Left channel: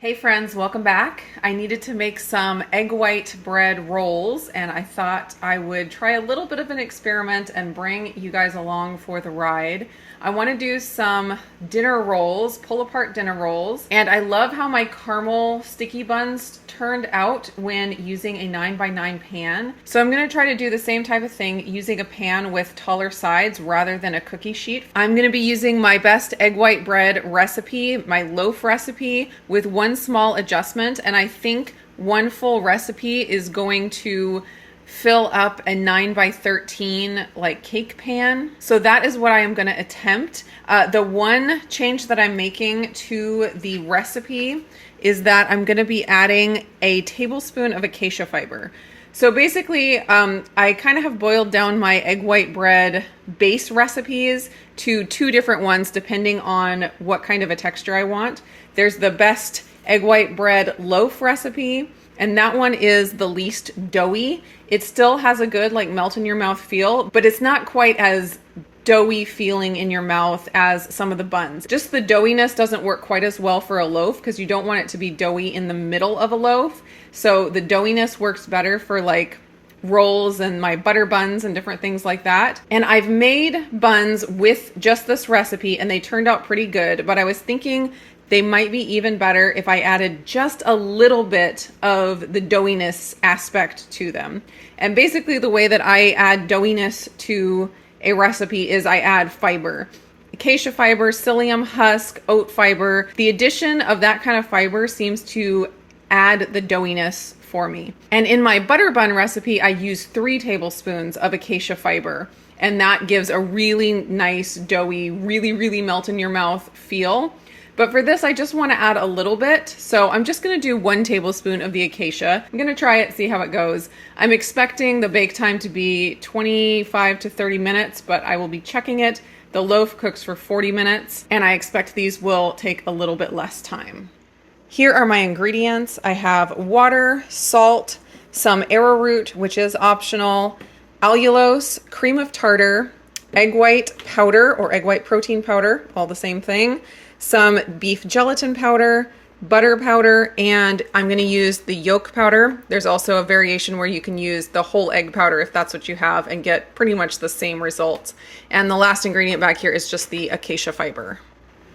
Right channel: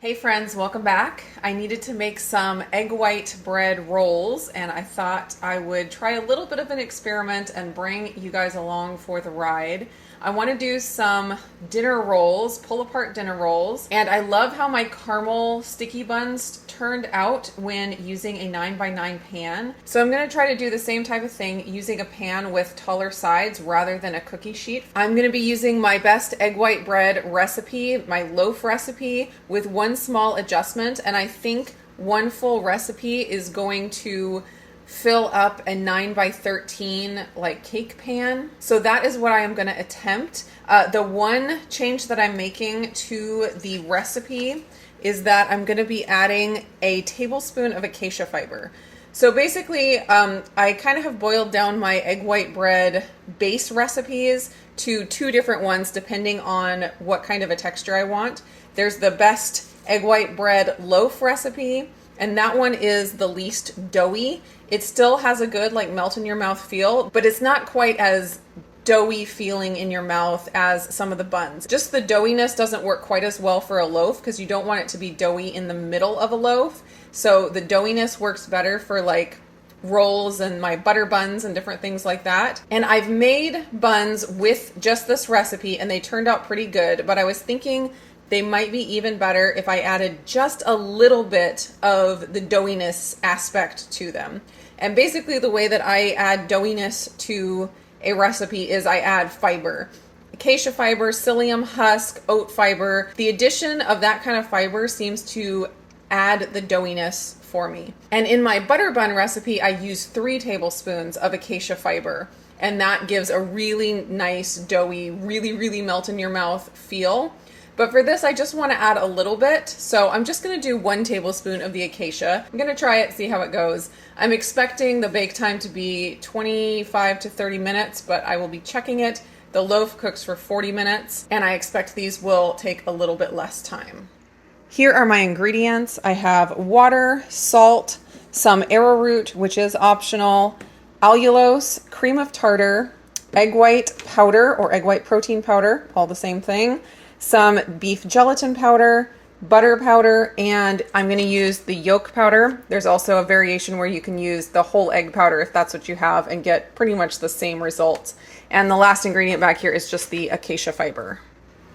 Hey friends, welcome back. I needed to make some egg white bread rolls and I thought I would try a little bit of an experiment and bring you guys along for the ride. I want to do some dinner rolls, pull apart dinner rolls, and I love how my caramel sticky buns turned out when using a 9x9 pan. So I'm going to try to do the same type of thing using a pan with taller sides rather than a cookie sheet. I'm going to be using my best egg white bread recipe, my loaf recipe, with one small adjustment, and I think one full recipe is going to fill up a 9x13 like cake pan. So that is what I am going to attempt. The one change that I'm making to the recipe is that I'm going to be adding a tablespoon of acacia fiber. So basically, I kind of have boiled down my egg white bread base recipes to two different ones depending on what kind of a texture I want. There's the best egg white bread loaf recipe, and that one is the least doughy. It still has a good like melt in your mouth feel, but it's not quite as doughy feeling in your mouth as some of the buns. Just the doughiness doesn't work quite as well for a loaf because you don't want it to be doughy in the middle of a loaf. So the doughiness works better for like rolls and my butter buns and different things like that. And I've made buns with just this recipe and they turned out pretty good, but I was thinking they might be even better if I added just a little bit of the doughiness aspect to them. And basically the way that I add doughiness to a recipe is I add fiber. Acacia fiber, psyllium husk, oat fiber. The addition of that kind of fiber seems to add the doughiness for me. And in my butter bun recipe, I use 3 tablespoons of acacia fiber. And that gives a really nice, doughy, really melt in your mouth feel. But for this, I just want to add a little bit. So I'm just going to do 1 tablespoon of the acacia. I'm going to try it, see how it goes. I'm expecting the bake time to be 25 to 30 minutes, but I will be checking it. The loaf cooks for 40 minutes, and I expect these will take a little bit less time. Here are my ingredients. I have water, salt, some arrowroot, which is optional, allulose, cream of tartar, egg white powder or egg white protein powder, all the same thing, some beef gelatin powder, butter powder, and I'm going to use the yolk powder. There's also a variation where you can use the whole egg powder if that's what you have and get pretty much the same results. And the last ingredient back here is just the acacia fiber.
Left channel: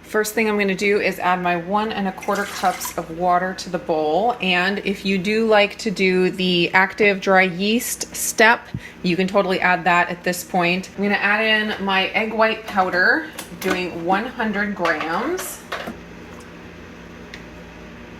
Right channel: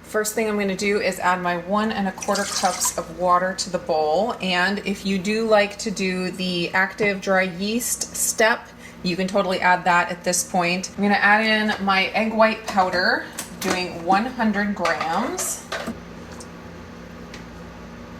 First thing I'm going to do is add my 1 1/4 cups of water to the bowl. And if you do like to do the active dry yeast step, you can totally add that at this point. I'm going to add in my egg white powder, doing 100 grams.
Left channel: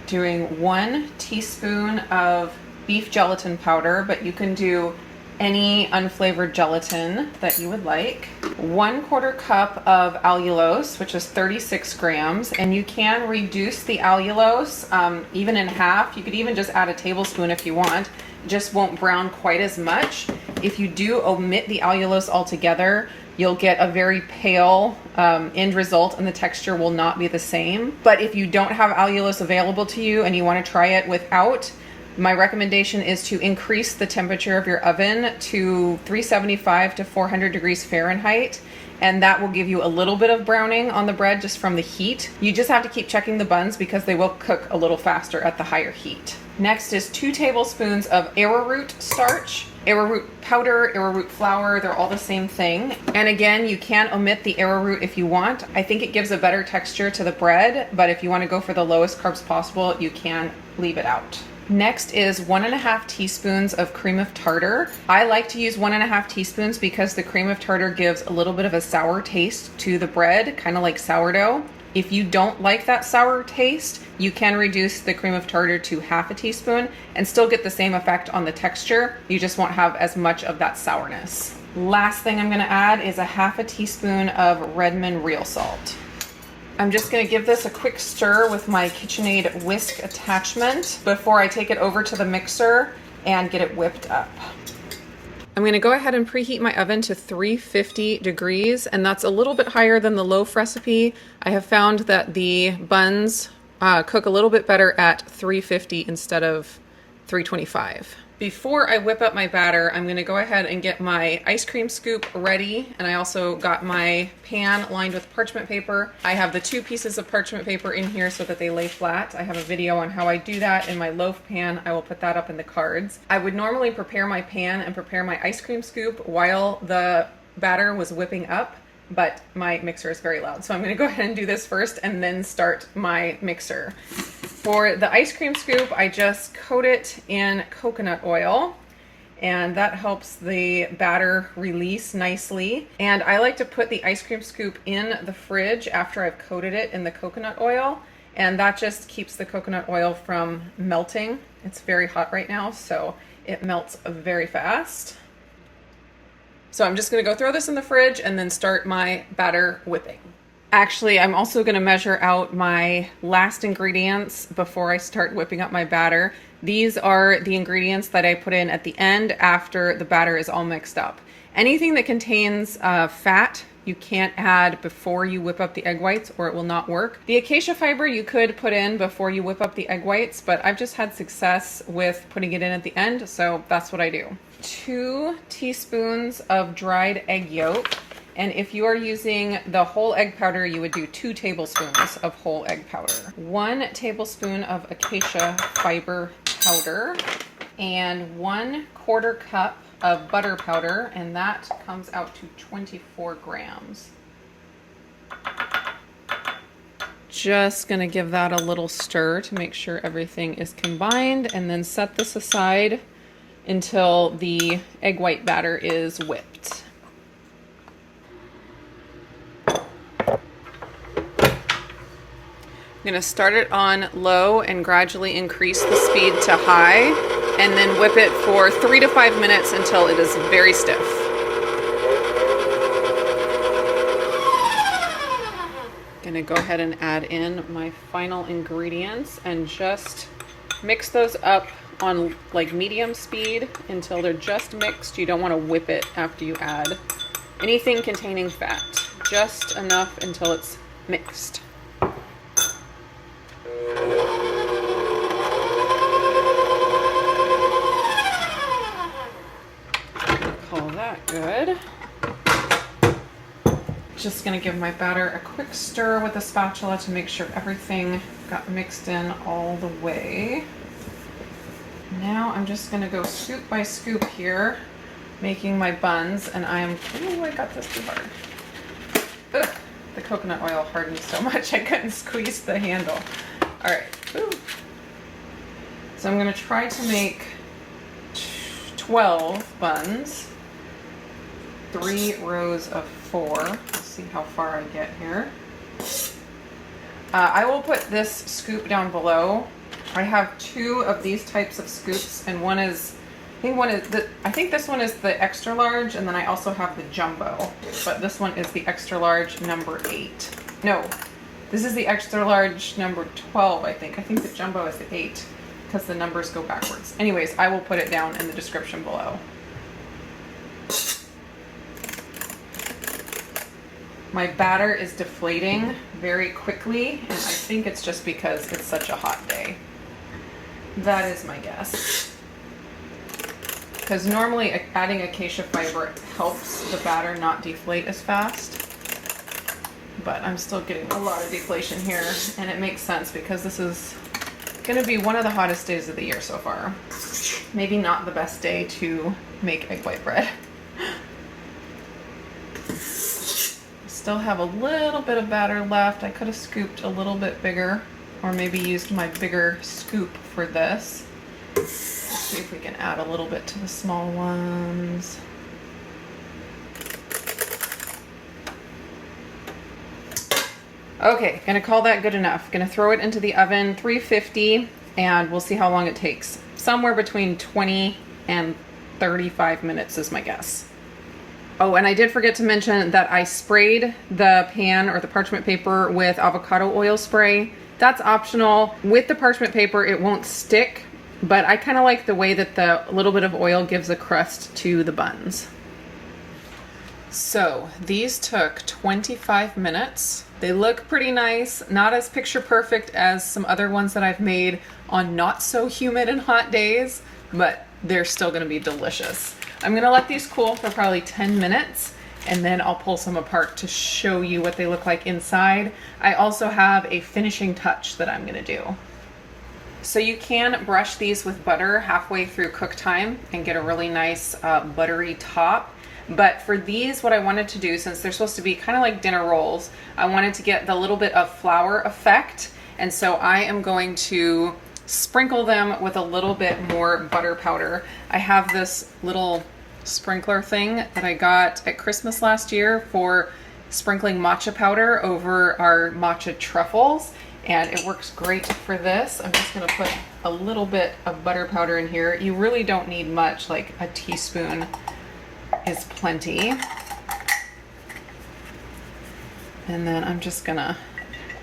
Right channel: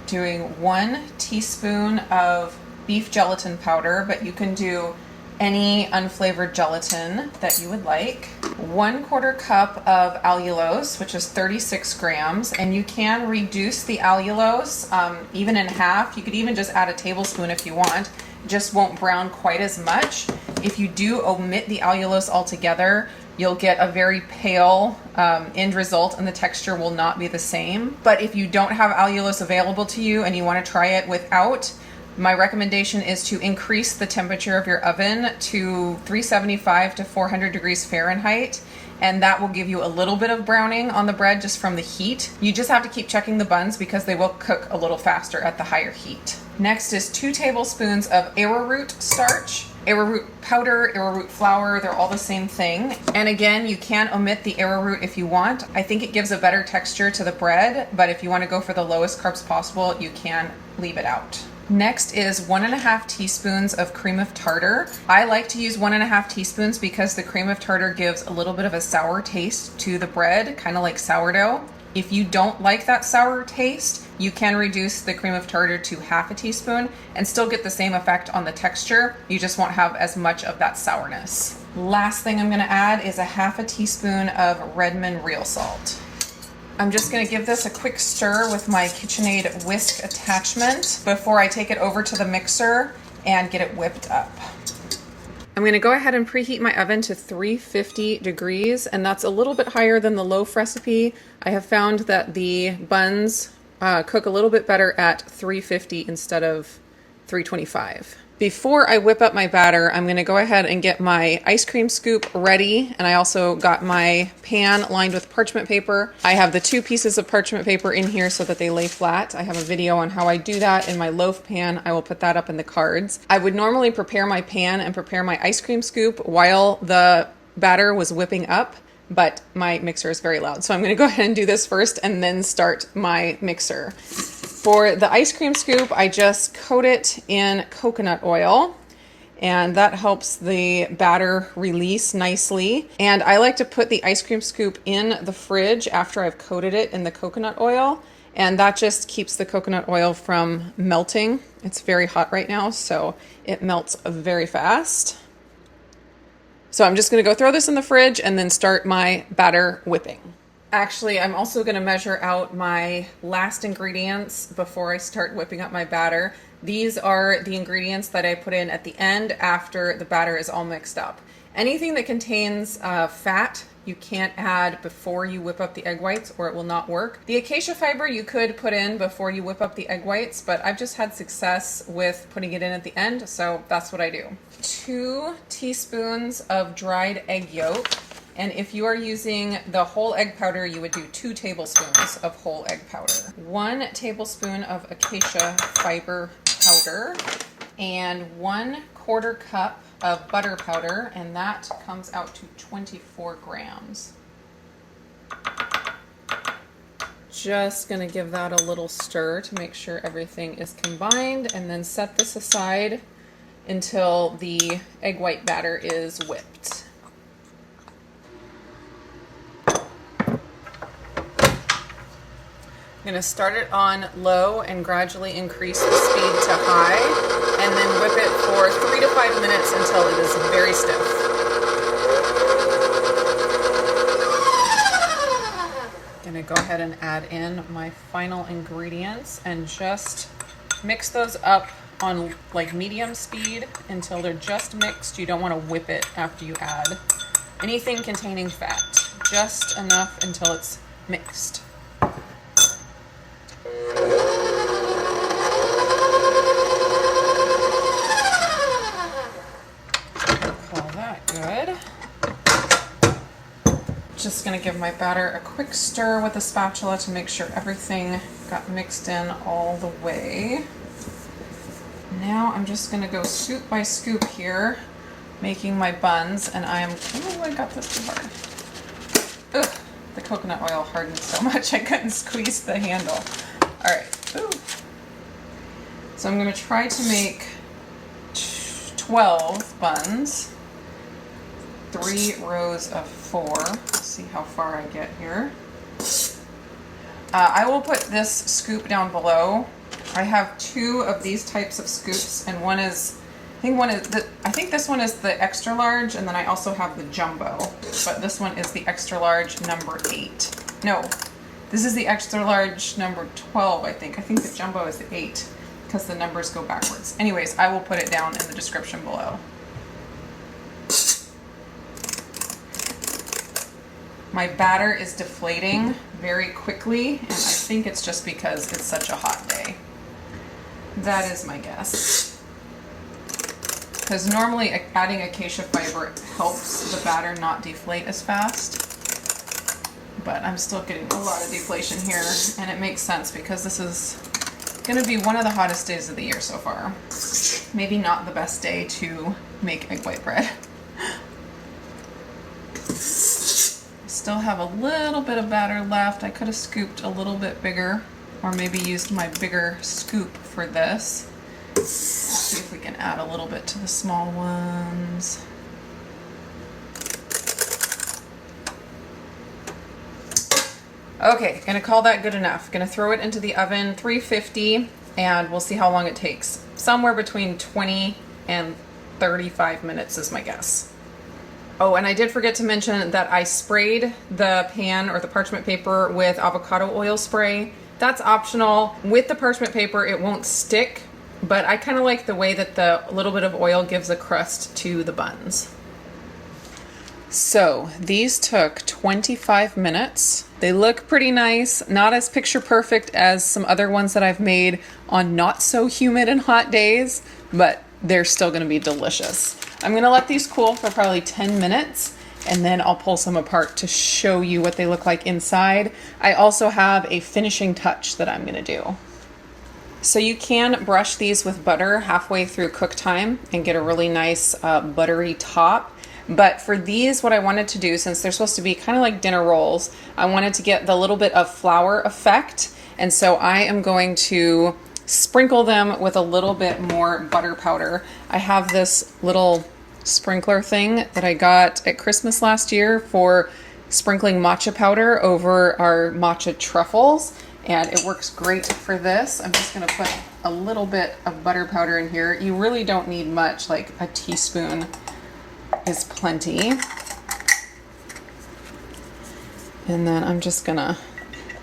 Doing 1 teaspoon of beef gelatin powder, but you can do any unflavored gelatin that you would like. 1/4 cup of allulose, which is 36 grams, and you can reduce the allulose even in half. You could even just add a tablespoon if you want. It just won't brown quite as much. If you do omit the allulose altogether, you'll get a very pale end result and the texture will not be the same. But if you don't have allulose available to you and you want to try it without, my recommendation is to increase the temperature of your oven to 375 to 400 degrees Fahrenheit, and that will give you a little bit of browning on the bread just from the heat. You just have to keep checking the buns because they will cook a little faster at the higher heat. Next is 2 tablespoons of arrowroot starch. Arrowroot powder, arrowroot flour, they're all the same thing. And again, you can omit the arrowroot if you want. I think it gives a better texture to the bread, but if you want to go for the lowest carbs possible, you can leave it out. Next is 1 1/2 teaspoons of cream of tartar. I like to use 1 1/2 teaspoons because the cream of tartar gives a little bit of a sour taste to the bread, kind of like sourdough. If you don't like that sour taste, you can reduce the cream of tartar to 1/2 teaspoon and still get the same effect on the texture. You just won't have as much of that sourness. Last thing I'm going to add is 1/2 teaspoon of Redmond real salt. I'm just going to give this a quick stir with my KitchenAid whisk attachment before I take it over to the mixer and get it whipped up. I'm going to go ahead and preheat my oven to 350 degrees, and that's a little bit higher than the loaf recipe. I have found that the buns cook a little bit better at 350 instead of 325. Before I whip up my batter, I'm going to go ahead and get my ice cream scoop ready, and I also got my pan lined with parchment paper. I have the 2 pieces of parchment paper in here so that they lay flat. I have a video on how I do that in my Loaf pan. I will put that up in the cards. I would normally prepare my pan and prepare my ice cream scoop while the batter was whipping up, but my mixer is very loud. So I'm going to go ahead and do this first and then start my mixer. For the ice cream scoop, I just coat it in coconut oil, and that helps the batter release nicely. And I like to put the ice cream scoop in the fridge after I've coated it in the coconut oil, and that just keeps the coconut oil from melting. It's very hot right now, so it melts very fast. So I'm just going to go throw this in the fridge and then start my batter whipping. Actually, I'm also going to measure out my last ingredients before I start whipping up my batter. These are the ingredients that I put in at the end after the batter is all mixed up. Anything that contains fat, you can't add before you whip up the egg whites or it will not work. The acacia fiber you could put in before you whip up the egg whites, but I've just had success with putting it in at the end, so that's what I do. 2 teaspoons of dried egg yolk. And if you are using the whole egg powder, you would do 2 tablespoons of whole egg powder. 1 tablespoon of acacia fiber powder and 1/4 cup of butter powder, and that comes out to 24 grams. Just gonna give that a little stir to make sure everything is combined, and then set this aside until the egg white batter is whipped. I'm going to start it on low and gradually increase the speed to high, and then whip it for 3 to 5 minutes until it is very stiff. I'm going to go ahead and add in my final ingredients and just mix those up on like medium speed until they're just mixed. You don't want to whip it after you add anything containing fat, just enough until it's mixed. Call that good. Just going to give my batter a quick stir with a spatula to make sure everything got mixed in all the way. Now I'm just going to go scoop by scoop here, making my buns, and I got this too hard. Ugh, the coconut oil hardened so much I couldn't squeeze the handle. All right. Ooh. So I'm going to try to make 12 buns, 3 rows of 4. Let's see how far I get here. I will put this scoop down below. I have 2 of these types of scoops, and I think this one is the extra large, and then I also have the jumbo, but this one is the extra large number 8. No, this is the extra large number 12, I think. I think the jumbo is the 8 because the numbers go backwards. Anyways, I will put it down in the description below. My batter is deflating very quickly, and I think it's just because it's such a hot day. That is my guess. Because normally adding acacia fiber helps the batter not deflate as fast. But I'm still getting a lot of deflation here, and it makes sense because this is going to be one of the hottest days of the year so far. Maybe not the best day to make egg white bread. Still have a little bit of batter left. I could have scooped a little bit bigger, or maybe used my bigger scoop for this. Let's see if we can add a little bit to the small ones. Okay, gonna call that good enough. Gonna throw it into the oven, 350, and we'll see how long it takes. Somewhere between 20 and 35 minutes is my guess. Oh, and I did forget to mention that I sprayed the pan or the parchment paper with avocado oil spray. That's optional. With the parchment paper, it won't stick, but I kind of like the way that the little bit of oil gives a crust to the buns. So these took 25 minutes. They look pretty nice, not as picture perfect as some other ones that I've made on not so humid and hot days, but they're still gonna be delicious. I'm gonna let these cool for probably 10 minutes and then I'll pull some apart to show you what they look like inside. I also have a finishing touch that I'm gonna do. So you can brush these with butter halfway through cook time and get a really nice buttery top. But for these, what I wanted to do, since they're supposed to be kind of like dinner rolls, I wanted to get the little bit of flour effect. And so I am going to sprinkle them with a little bit more butter powder. I have this little sprinkler thing that I got at Christmas last year for sprinkling matcha powder over our matcha truffles, and it works great for this. I'm just gonna put a little bit of butter powder in here. You really don't need much, like a teaspoon is plenty. And then I'm just gonna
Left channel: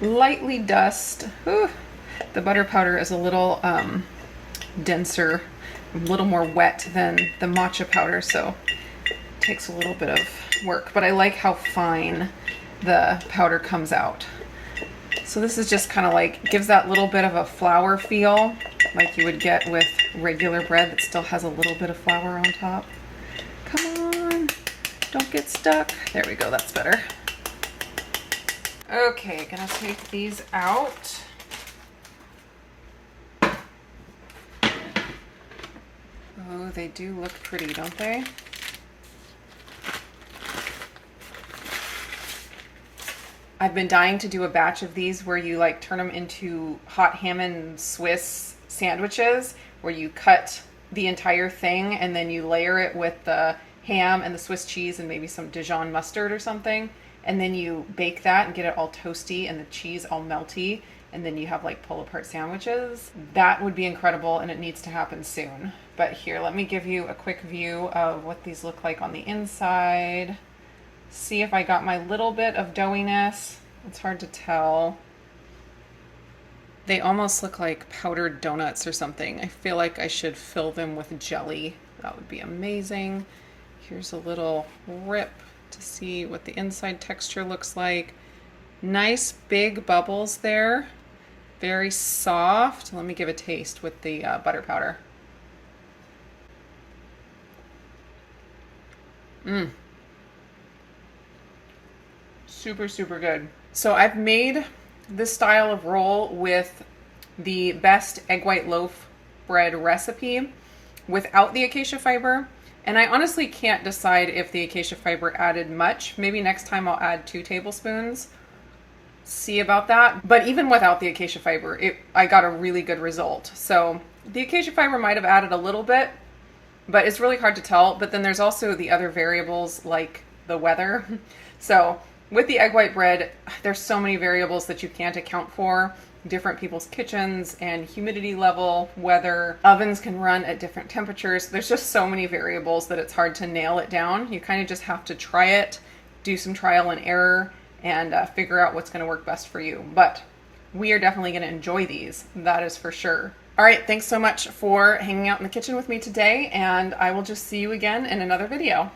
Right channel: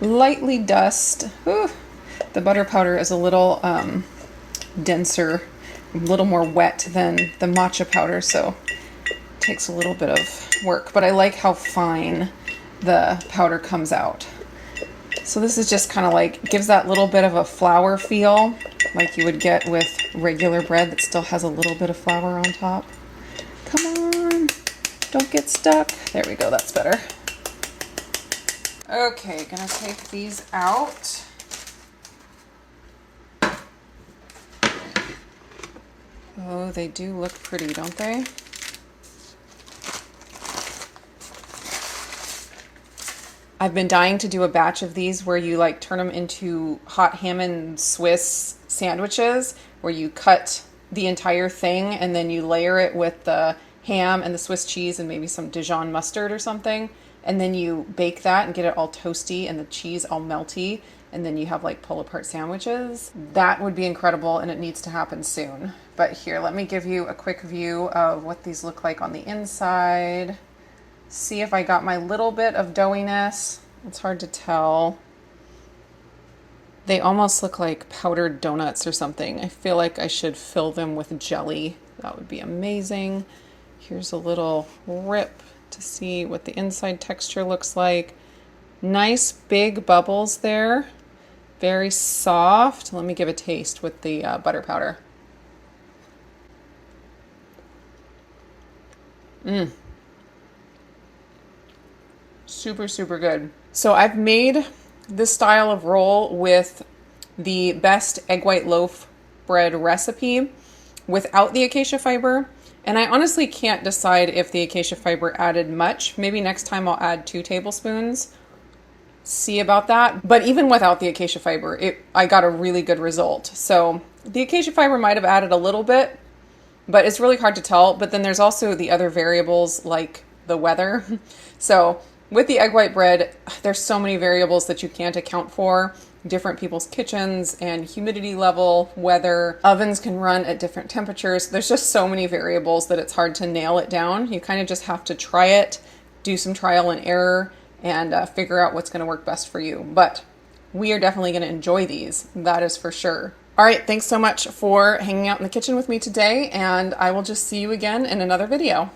lightly dust. Ooh, the butter powder is a little denser, a little more wet than the matcha powder, so it takes a little bit of work, but I like how fine the powder comes out. So this is just kind of like, gives that little bit of a flour feel like you would get with regular bread that still has a little bit of flour on top. Come on, don't get stuck. There we go, that's better. Okay, gonna take these out. Oh, they do look pretty, don't they? I've been dying to do a batch of these where you like turn them into hot ham and Swiss sandwiches, where you cut the entire thing and then you layer it with the ham and the Swiss cheese and maybe some Dijon mustard or something. And then you bake that and get it all toasty and the cheese all melty. And then you have like pull apart sandwiches. That would be incredible, and it needs to happen soon. But here, let me give you a quick view of what these look like on the inside. See if I got my little bit of doughiness. It's hard to tell. They almost look like powdered donuts or something. I feel like I should fill them with jelly. That would be amazing. Here's a little rip to see what the inside texture looks like. Nice big bubbles there. Very soft. Let me give a taste with the butter powder. Super, super good. So I've made this style of roll with the best egg white loaf bread recipe without the acacia fiber. And I honestly can't decide if the acacia fiber added much. Maybe next time I'll add 2 tablespoons. See about that. But even without the acacia fiber, I got a really good result. So the acacia fiber might have added a little bit, but it's really hard to tell. But then there's also the other variables like the weather. So with the egg white bread, there's so many variables that you can't account for. Different people's kitchens and humidity level, weather, ovens can run at different temperatures. There's just so many variables that it's hard to nail it down. You kind of just have to try it, do some trial and error, and figure out what's going to work best for you. But we are definitely going to enjoy these, that is for sure. All right, thanks so much for hanging out in the kitchen with me today, and I will just see you again in another video.